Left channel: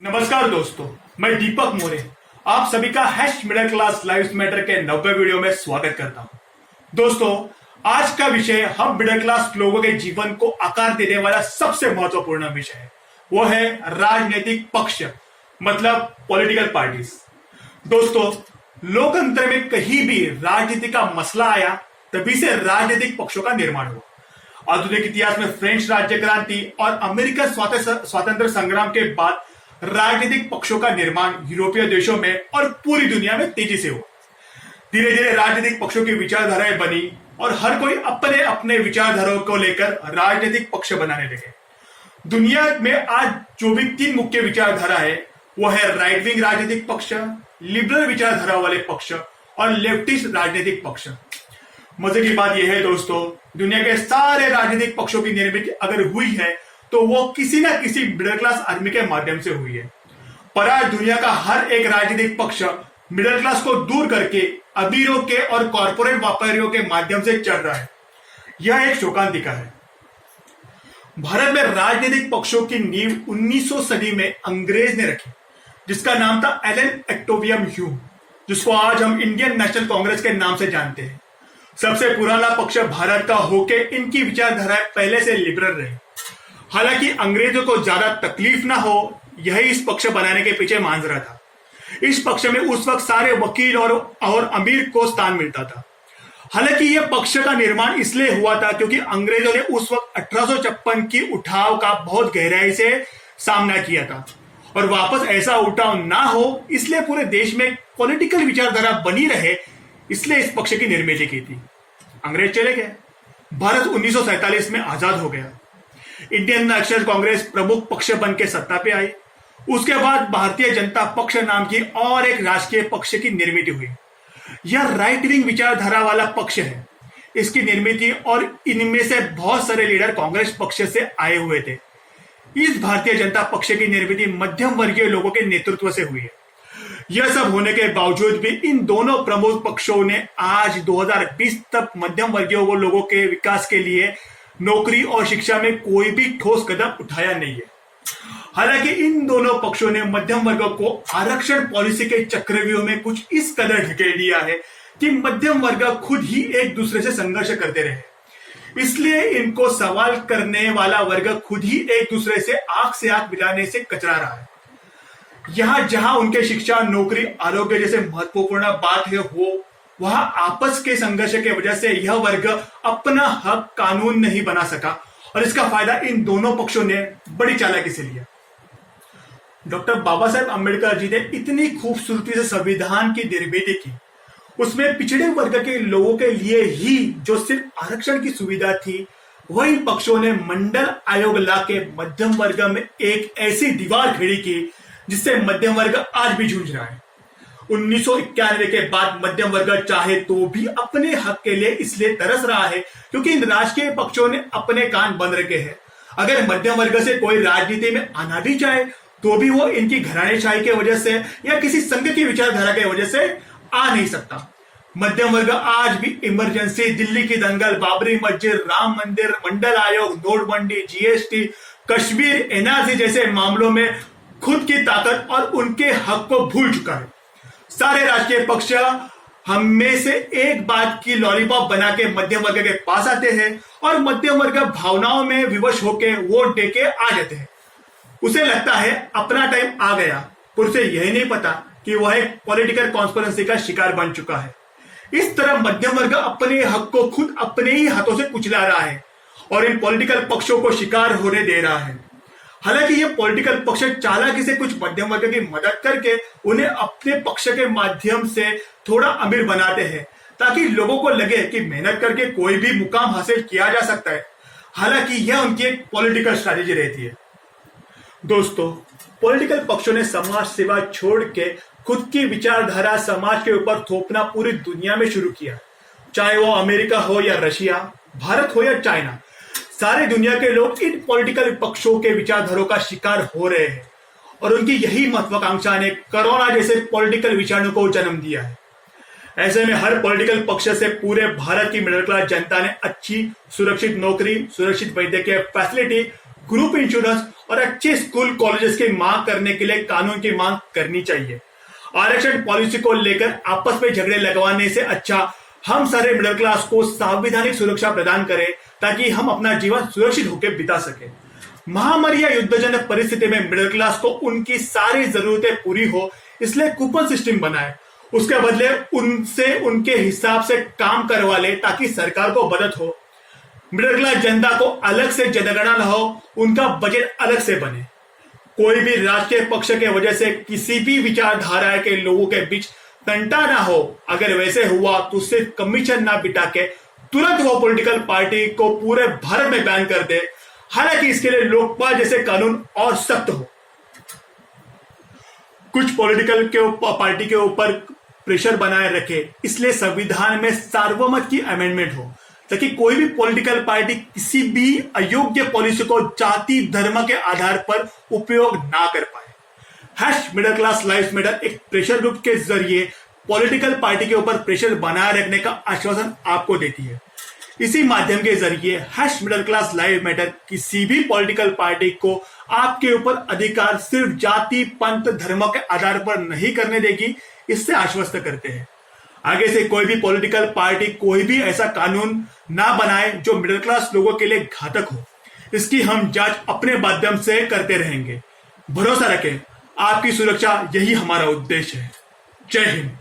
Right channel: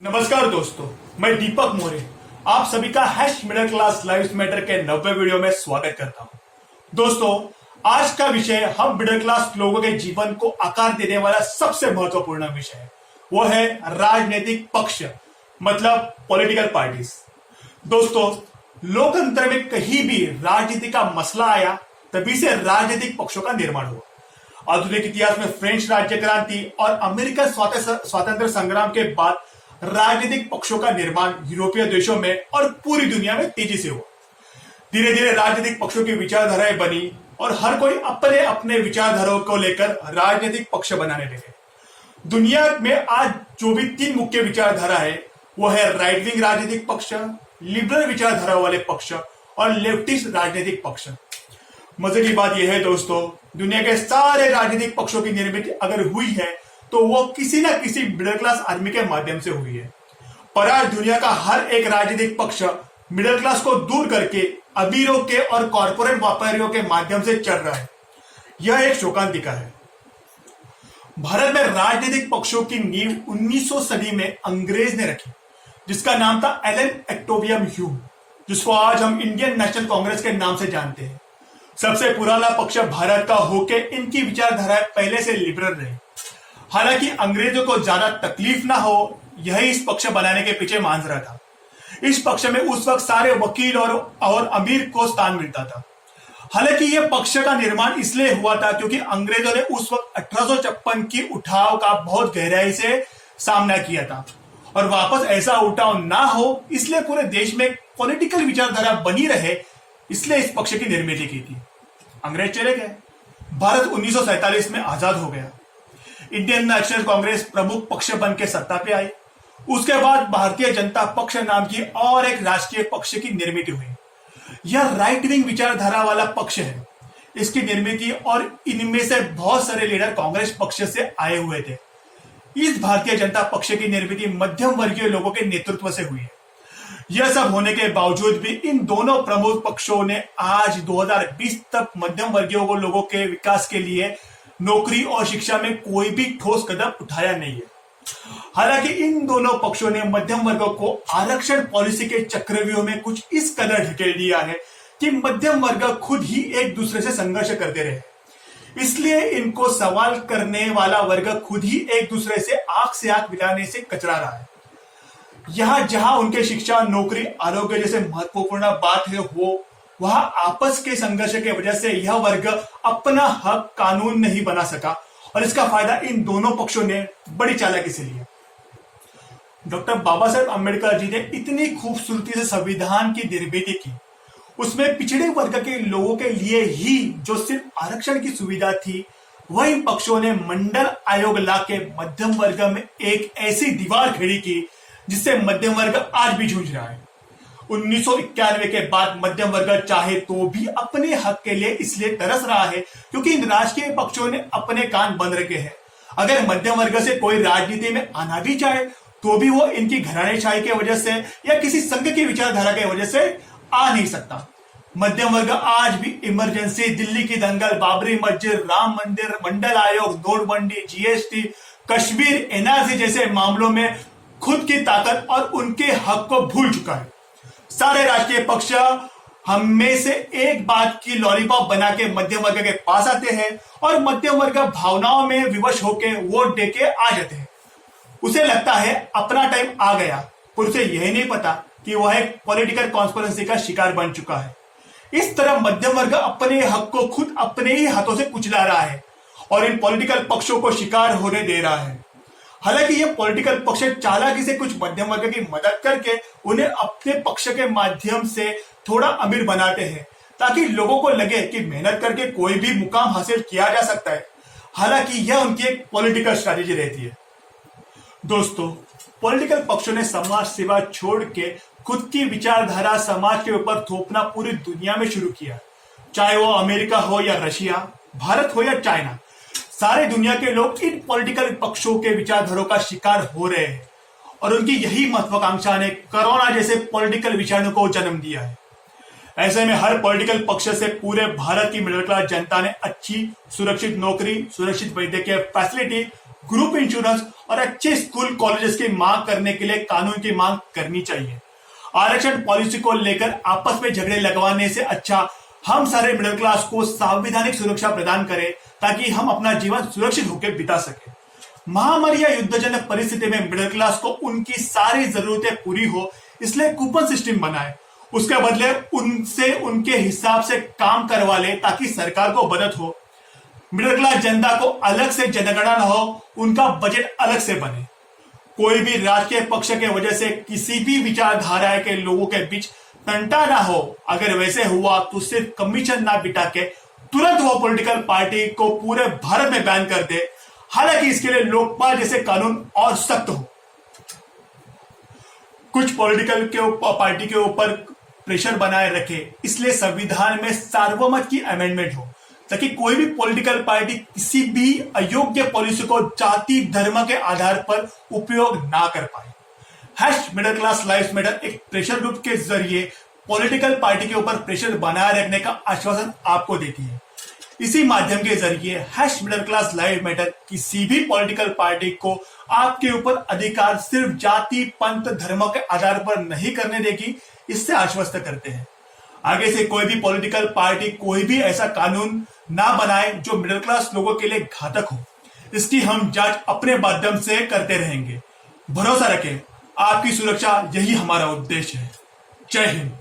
नमस्कार दोस्तों, मैं दीपक मोरे आप सभी का hash middle class lives matter के 90 वीडियो में स्वागत करता हूं। दोस्तों, आज का विषय हम मिडिल क्लास लोगों के जीवन को आकार देने वाला सबसे महत्वपूर्ण विषय है। वो है राजनीतिक पक्ष, मतलब पॉलिटिकल पार्टीज। दोस्तों, लोकतंत्र में कहीं भी राजनीति का मसला आया तभी से राजनीतिक पक्षों का निर्माण हुआ। आधुनिक इतिहास में फ्रेंच राज्य क्रांति और अमेरिकन स्वातंत्र संग्राम के बाद राजनीतिक पक्षों का निर्माण यूरोपीय देशों में और पूरी दुनिया में तेजी से हुआ। धीरे धीरे राजनीतिक पक्षों की विचारधाराएं बनी और हर कोई अपने अपने विचारधाराओं को लेकर राजनीतिक पक्ष बनाने लगे। दुनिया में आज जो भी तीन मुख्य विचारधारा है वो है राइट विंग राजनीतिक पक्ष, लिबरल विचारधारा वाले पक्ष और लेफ्टिस्ट राजनीतिक पक्ष। मजे की बात यह है दोस्तों, दुनिया के सारे राजनीतिक पक्षों की निर्मित अगर हुई है तो वो किसी ना किसी मिडिल क्लास आदमी के माध्यम से हुई है। पर आज दुनिया का हर एक राजनीतिक पक्ष मिडिल क्लास को दूर करके अमीरों के और कॉर्पोरेट व्यापारियों के माध्यम से चल रहा है। यह एक शोकांतिका है। भारत में राजनीतिक पक्षों की नींव 1900 सदी में अंग्रेज ने रखी, जिसका नाम था एलन एक्टोवियम ह्यूम, जिसको आज हम इंडियन नेशनल कांग्रेस के नाम से जानते हैं। सबसे पुराना पक्ष भारत का होके इनकी विचारधाराएं पहले से लिबरल रही। हालांकि अंग्रेजों को ज्यादा तकलीफ ना हो, यही इस पक्ष बनाने के पीछे मांजरा था। इस पक्ष में उस वक्त सारे वकील और अमीर को स्थान मिलता था। हालांकि यह पक्ष का निर्माण इसलिए हुआ था क्योंकि अंग्रेजों ने उस वक्त 1856 की उठाव का बहुत गहराई से सामना किया था और वापस ऐसा उठाव ना हो, इसलिए पूरे देश में पॉलिटिकल विचारधारा बनी रहे, इसलिए इस पक्ष की निर्मित की थी। अंग्रेज चले गए, भारत 1947 में आजाद हो गया। इंडियन नेशनल कांग्रेस प्रमुख पक्ष बन के सत्ता पे आई। उसके बाद भारतीय जनता पक्ष नाम की और एक राष्ट्रीय पक्ष की निर्मित हुई। यह राइट विंग विचारधारा वाला पक्ष है। इसकी निर्मित और इनमें से बहुत सारे लीडर कांग्रेस पक्ष से आए हुए थे। इस भारतीय जनता पक्ष की निर्मित मध्यम वर्गीय लोगों के नेतृत्व से हुई है। यह सब होने के बावजूद भी इन दोनों प्रमुख पक्षों ने आज 2020 तक मध्यम वर्गीय लोगों के विकास के लिए नौकरी और शिक्षा में कोई भी ठोस कदम उठाया नहीं है। हालांकि इन दोनों पक्षों ने मध्यम वर्ग को आरक्षण पॉलिसी के चक्रव्यूह में कुछ इस कदर ढकेल दिया है कि मध्यम वर्ग खुद ही एक दूसरे से संघर्ष करते रहे। इसलिए इनको सवाल करने वाला वर्ग खुद ही एक दूसरे से आंख से आंख मिलाने से कचरा रहा है। यहां जहां उनके शिक्षा, नौकरी, आरोग्य जैसे महत्वपूर्ण बात है, वो वहां आपस के संघर्ष के वजह से यह वर्ग अपना हक कानून नहीं बना सका और इसका फायदा इन दोनों पक्षों ने बड़ी चालाकी से लिया। डॉक्टर बाबा साहेब अम्बेडकर जी ने इतनी खूबसूरती से संविधान की निर्मित की, उसमें पिछड़े वर्ग के लोगों के लिए ही जो सिर्फ आरक्षण की सुविधा थी, वही पक्षों ने मंडल आयोग ला के मध्यम वर्ग में एक ऐसी दीवार खड़ी की जिससे मध्यम वर्ग आज भी जूझ रहा है। 1991 के बाद मध्यम वर्ग चाहे तो भी अपने हक के लिए इसलिए तरस रहा है क्योंकि इन राजकीय पक्षों ने अपने कान बंद रखे हैं। अगर मध्यम वर्ग से कोई राजनीति में आना भी चाहे तो भी वो इनकी घरानेशाही के वजह से या किसी संघ की विचारधारा की वजह से आ नहीं सकता। मध्यम वर्ग आज भी इमरजेंसी, दिल्ली की दंगल, बाबरी मस्जिद, राम मंदिर, मंडल आयोग, नोटबंदी, जीएसटी, कश्मीर, एनआरसी जैसे मामलों में खुद की ताकत और उनके हक को भूल चुका है। सारे राजकीय पक्ष हम में से एक बात की लॉलीपॉप बना के मध्यम वर्ग के पास आते हैं और मध्यम वर्ग भावनाओं में विवश होकर वोट दे के आ जाते हैं। उसे लगता है अपना टाइम आ गया, पर उसे यही नहीं पता कि वह एक पॉलिटिकल कॉन्स्पिरेसी का शिकार बन चुका है। इस तरह मध्यम वर्ग अपने हक को खुद अपने ही हाथों से कुचला रहा है और इन पॉलिटिकल पक्षों को शिकार होने दे रहा है। हालांकि ये पॉलिटिकल पक्ष चालाकी से कुछ मध्यम वर्ग की मदद करके उन्हें अपने पक्ष के माध्यम से थोड़ा अमीर बनाते हैं ताकि लोगों को लगे कि मेहनत करके कोई भी मुकाम हासिल किया जा सकता है। हालांकि यह उनकी एक पॉलिटिकल स्ट्रैटेजी रहती है। दोस्तों, पॉलिटिकल पक्षों ने समाज सेवा छोड़ के खुद की विचारधारा समाज के ऊपर थोपना पूरी दुनिया में शुरू किया। चाहे वो अमेरिका हो या रशिया, भारत हो या चाइना, सारे दुनिया के लोग इन पॉलिटिकल पक्षों के विचारधारों का शिकार हो रहे हैं और उनकी यही महत्वाकांक्षा ने कोरोना जैसे पॉलिटिकल विषाणु को जन्म दिया है। ऐसे में हर पॉलिटिकल पक्ष से पूरे भारत की मिडिल क्लास जनता ने अच्छी सुरक्षित नौकरी, सुरक्षित वैद्यकीय फैसिलिटी, ग्रुप इंश्योरेंस और अच्छे स्कूल कॉलेजेस की मांग करने के लिए कानून की मांग करनी चाहिए। आरक्षण पॉलिसी को लेकर आपस में झगड़े लगवाने से अच्छा हम सारे मिडिल क्लास को संवैधानिक सुरक्षा प्रदान करें ताकि हम अपना जीवन सुरक्षित होकर बिता सके। महामारी या युद्धजनक परिस्थिति में मिडिल क्लास को उनकी सारी जरूरतें पूरी हो, इसलिए कूपन सिस्टम बनाए, उसके बदले उनसे उनके हिसाब से काम करवा ले ताकि सरकार को मदद हो। मिडिल क्लास जनता को अलग से जनगणना न हो, उनका बजट अलग से बने। कोई भी राजकीय पक्ष के वजह से किसी भी विचारधारा के लोगों के बीच तंटा ना हो। अगर वैसे हुआ तो सिर्फ कमीशन ना बिठा के तुरंत वो पॉलिटिकल पार्टी को पूरे भारत में बैन कर दे। हालांकि इसके लिए लोकपाल जैसे कानून और सख्त हो। कुछ पॉलिटिकल के पार्टी के ऊपर प्रेशर बनाए रखे, इसलिए संविधान में सार्वमत की अमेंडमेंट हो ताकि कोई भी पॉलिटिकल पार्टी किसी भी अयोग्य पॉलिसी को जाति धर्म के आधार पर उपयोग ना कर पाए। मिडिल क्लास लाइव्स मैटर एक प्रेशर ग्रुप के जरिए पॉलिटिकल पार्टी के ऊपर प्रेशर बनाए रखने का आश्वासन आपको देती है। इसी माध्यम के जरिए मिडिल क्लास लाइव मैटर किसी भी पॉलिटिकल पार्टी को आपके ऊपर अधिकार सिर्फ जाति पंथ धर्म के आधार पर नहीं करने देगी, इससे आश्वस्त करते हैं। आगे से कोई भी पॉलिटिकल पार्टी कोई भी ऐसा कानून ना बनाए जो मिडिल क्लास लोगों के लिए घातक हो। इसकी हम जांच अपने माध्यम से करते रहेंगे। भरोसा रखें, आपकी सुरक्षा यही हमारा उद्देश्य है। जय हिंद।